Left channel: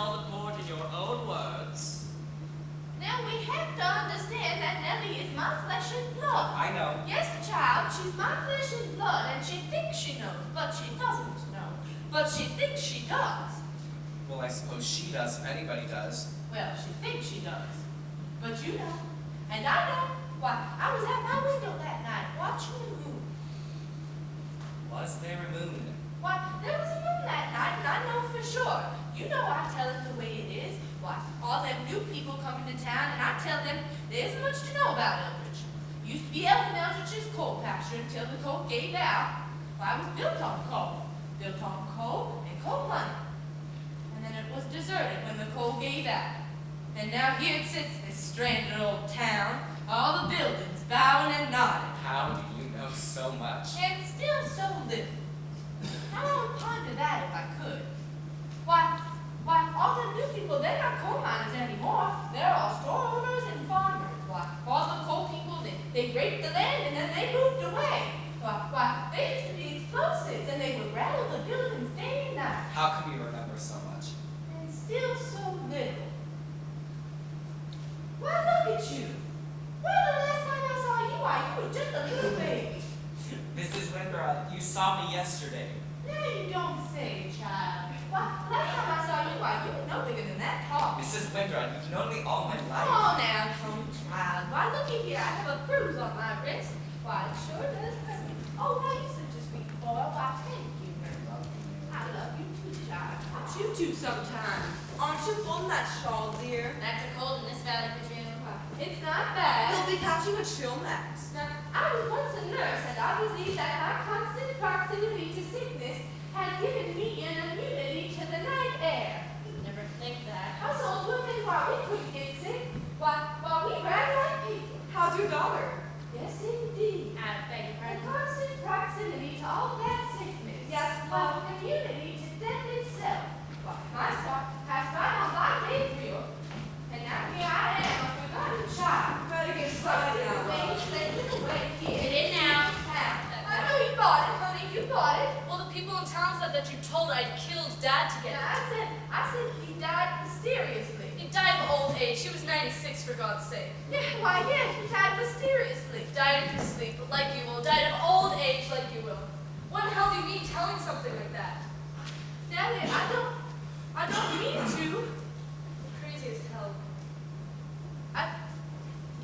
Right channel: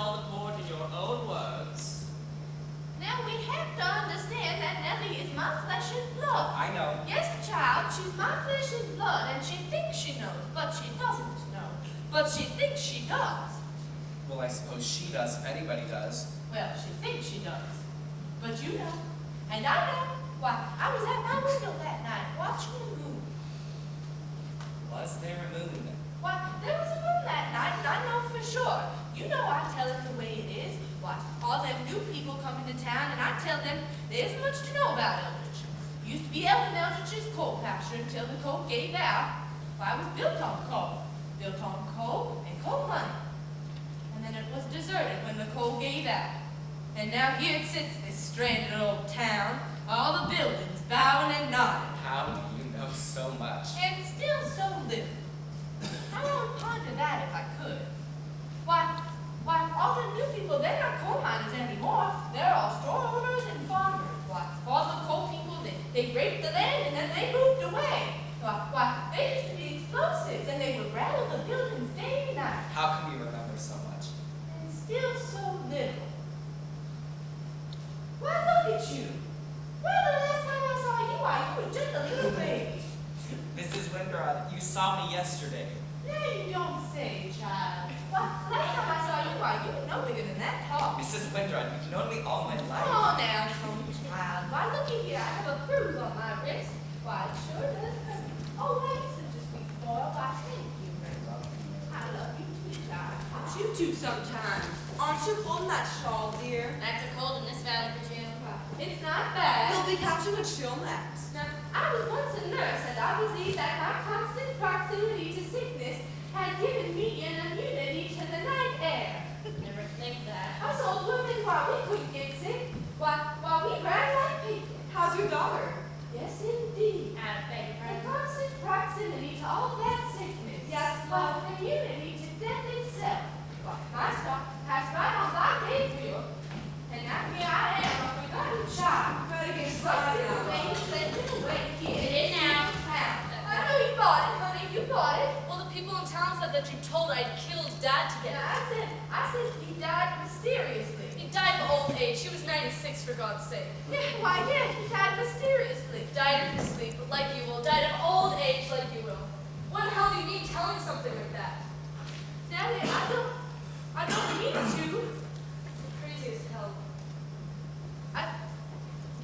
tell the court in your own words. Now we have to understand that Nellie is my flesh and blood. I know. Yes, child, she's my flesh and blood, and she thinks she knows, but she doesn't know. But she thinks she does. Well, I suppose she does, if anybody does. Well, she thinks she does. But you know, and I know. Why, I was at my window that night watching the moon. Was there a moon? Why, there was a moon that night, and I know for sure. You know I tell it the way it is. Why, all them new people coming to town, and I tell them there isn't much to know about Eldridge. Used to be Ellen Eldridge's coal pasture until the coal gave out. Why, it was built on coal. Built on coal and coal money. And then it was deserted when the coal gave out. And now here it sits, this stranded old town, all the buildings bowing and nodding. How do you know so much? And still so little. I would ponder that if I could. Why, all the new people, they're not coal miners anymore. They're all store owners and farmers. Why, all the coal people, they raped the land and then they moved away. Why, they used to be explosives and they would rattle the buildings day and night. How come you remember so much? And still so little. Why, look at you. Well, the last time I saw you, you were just a little baby. Mrs. Windrod, you saw me yesterday. No, you don't say, child. Well, the last time I saw you, you were no bigger than that tall. Mrs. Windrod, you've known me all my life. Oh, now, come, child. Why, looky here. I have a bruise on my wrist. Why, it sure does hurt. Oh, why, you're such a sweet boy. Why, thank you. I love you too, child. Aren't you too sometimes? Aren't you pulling that shawl, dear? That's a cold in this valley for June. It's not bad. You'll be catching a chill next. Now, I was once a nurse, and I believe that my constant proximity to sickness has given me an immunity to the night air. Never think that. Us old women, why, we couldn't get sick. Why, we ran like people. How's your daughter? Yes, indeed. I beg your The pardon. constant proximity to all that sickness. Yes, Why, immunity to death itself. Why, my star has right on thy Gabriel, and now here I am, a forgotten child. Better get started now. Get in now. I know you bought it, honey. You bought it. Well, the people in town said that you told I'd killed Dad to get And it. I said he died mysteriously. He died of old age. He was 96, for God's sake. Yeah, he died mysteriously. Died in his sleep, like you will. Died of old age, like you will. What the hell do you mean telling something like that? Nellie, I don't mean to. You're crazy as hell.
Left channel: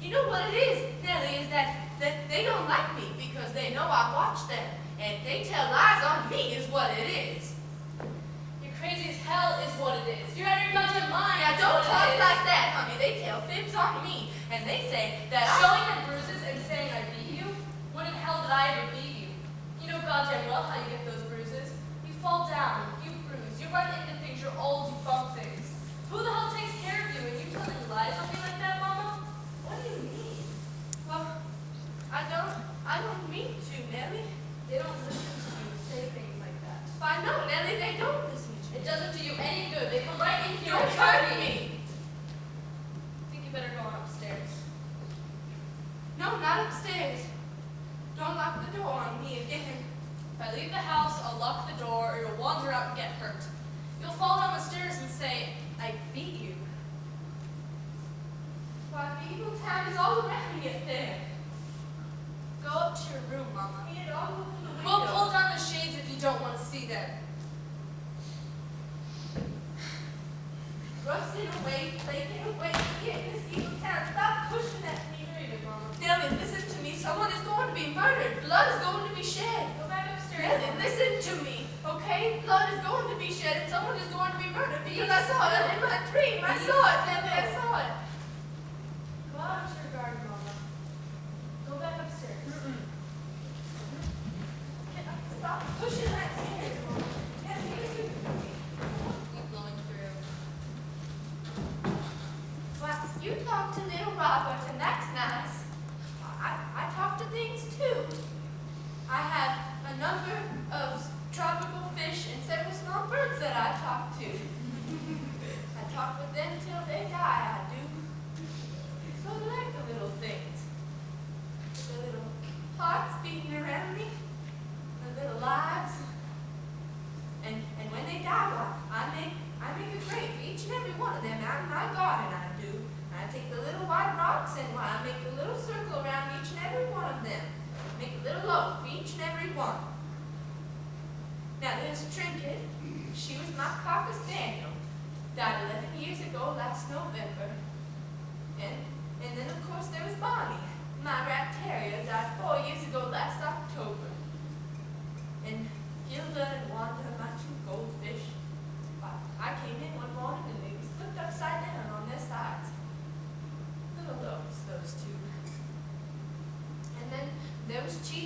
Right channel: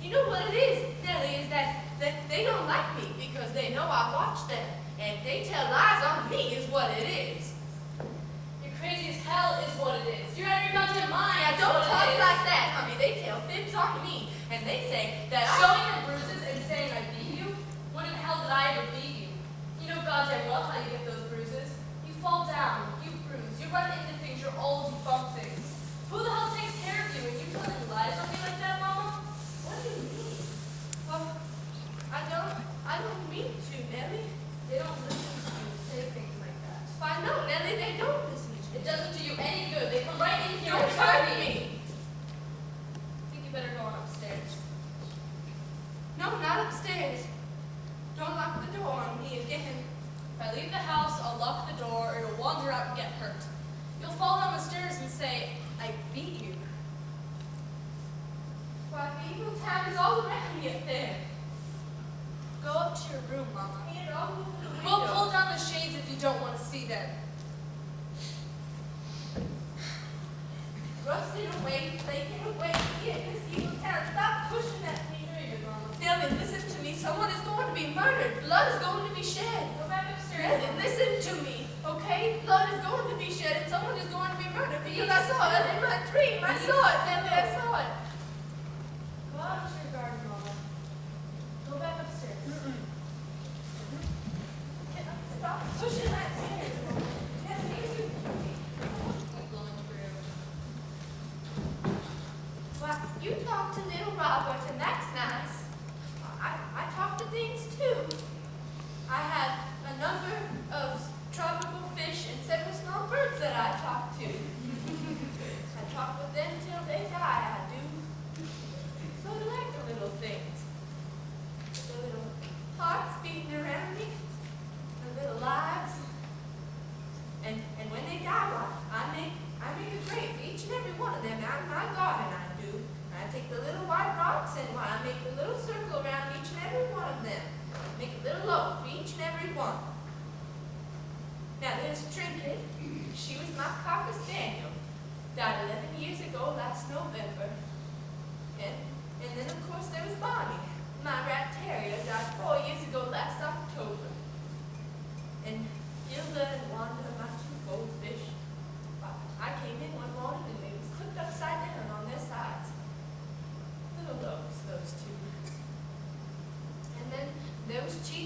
You know what it is, Nellie, is that they don't like me because they know I watch them. And they tell lies on me is what it is. You're crazy as hell is what it is. You're out of your goddamn mind. Now, is don't what it talk is. like that, honey. They tell fibs on me. And they say that Showing your bruises and saying I beat you? When in hell did I ever beat you? You know goddamn well how you get those bruises. You fall down, you bruise, you run into things, you're old, you bump things. Who the hell takes care of you? And you telling lies on me like that, Mama? What do you mean? Well, I don't mean to, Nellie. They don't listen to you say things like that. I know, Nellie, they don't listen to me. It doesn't do you any good. They come right in here Don't and hurt hurt me. me. I think you better go on upstairs. No, not upstairs. Don't lock the door on me again. If I leave the house, I'll lock the door or you'll wander out and get hurt. You'll fall down the stairs and say, I beat you. Why, the evil town is all around me up there. Go up to your room, Mama. And all over the window. We'll pull down the shades if you don't want to see them. Rusting away, flaking away, get this evil town. Stop pushing at me. Mama. Nellie, listen to me. Someone is going to be murdered. Blood is going to be shed. Go back upstairs. Nellie, listen to me, okay? Blood is going to be shed and someone is going to be murdered because I saw it in my dream. I saw it, Nellie, I saw it. Go out into your garden, Mama. Go back upstairs. Stop pushing that stairs, Mom. Nellie, listen to me. Keep blowing through.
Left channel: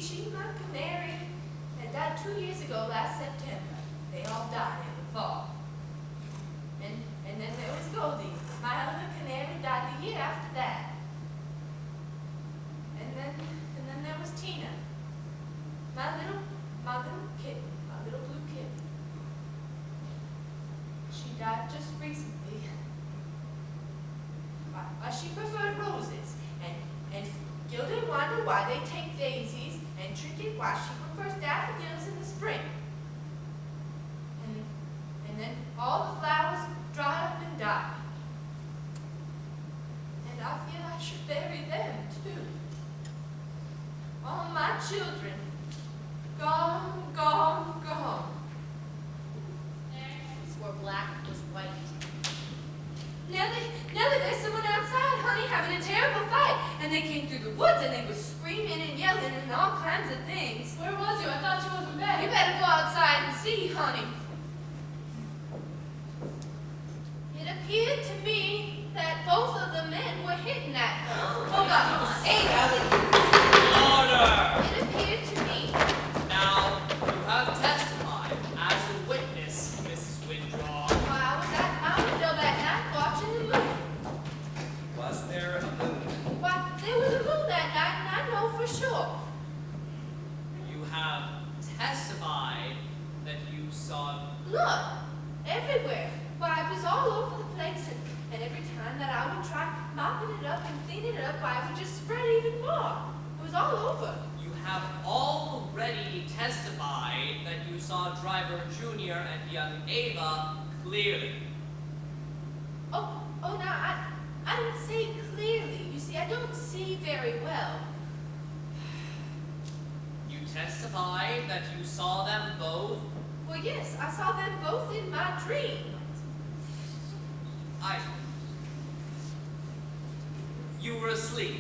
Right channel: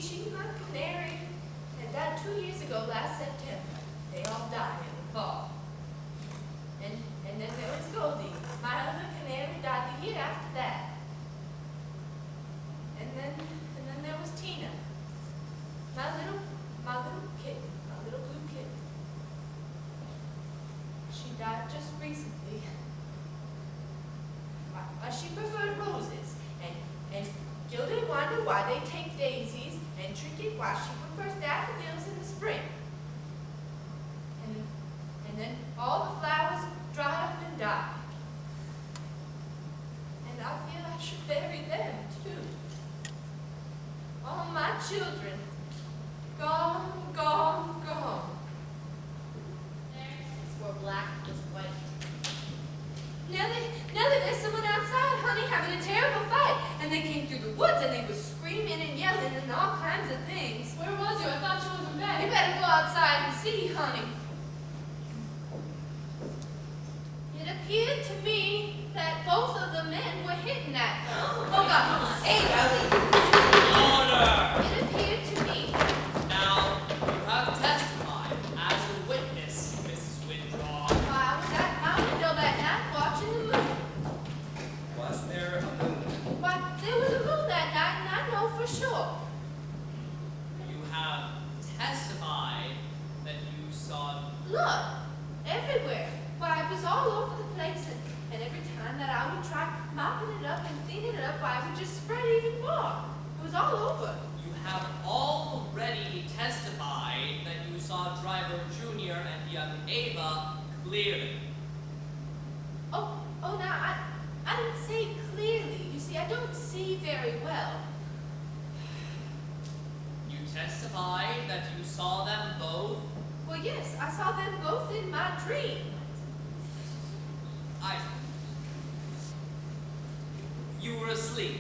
Chi-Chi, my canary, had died 2 years ago last September. They all died in the fall. And then there was Goldie. My other canary died the year after that. And then there was Tina. My little kitten, my little blue kitten. She died just recently. She preferred roses, and Gilda wondered why they take daisies, and Trinket why she prefers daffodils in the spring. And then all the flowers dry up and die. And I feel I should bury them too. All my children, gone, gone, gone. Theirs were black with white. Now that there's someone outside, honey, having a terrible fight. And they came through the woods and they were screaming and yelling and all kinds of things. Where was you? I thought you was in bed. You better go outside and see, honey. It appeared to me that both of the men were hitting at her. Oh, God. Ava. Order! It appeared to me. Now, you have testified as a witness, Mrs. Windrod. Why, I was at my window that night watching the moon. Was there a moon? Why, there was a moon that night, and I know for sure. You have testified that you saw Blood everywhere. Why, it was all over the place, and every time that I would try mopping it up and cleaning it up, why, it would just spread even more. It was all over. You have already testified that you saw Driver Jr. and young Ava clearly. Oh, now, I didn't say clearly. You see, I don't see very well. You testified that you saw them both. Well, yes, I saw them both in my dream. You were asleep.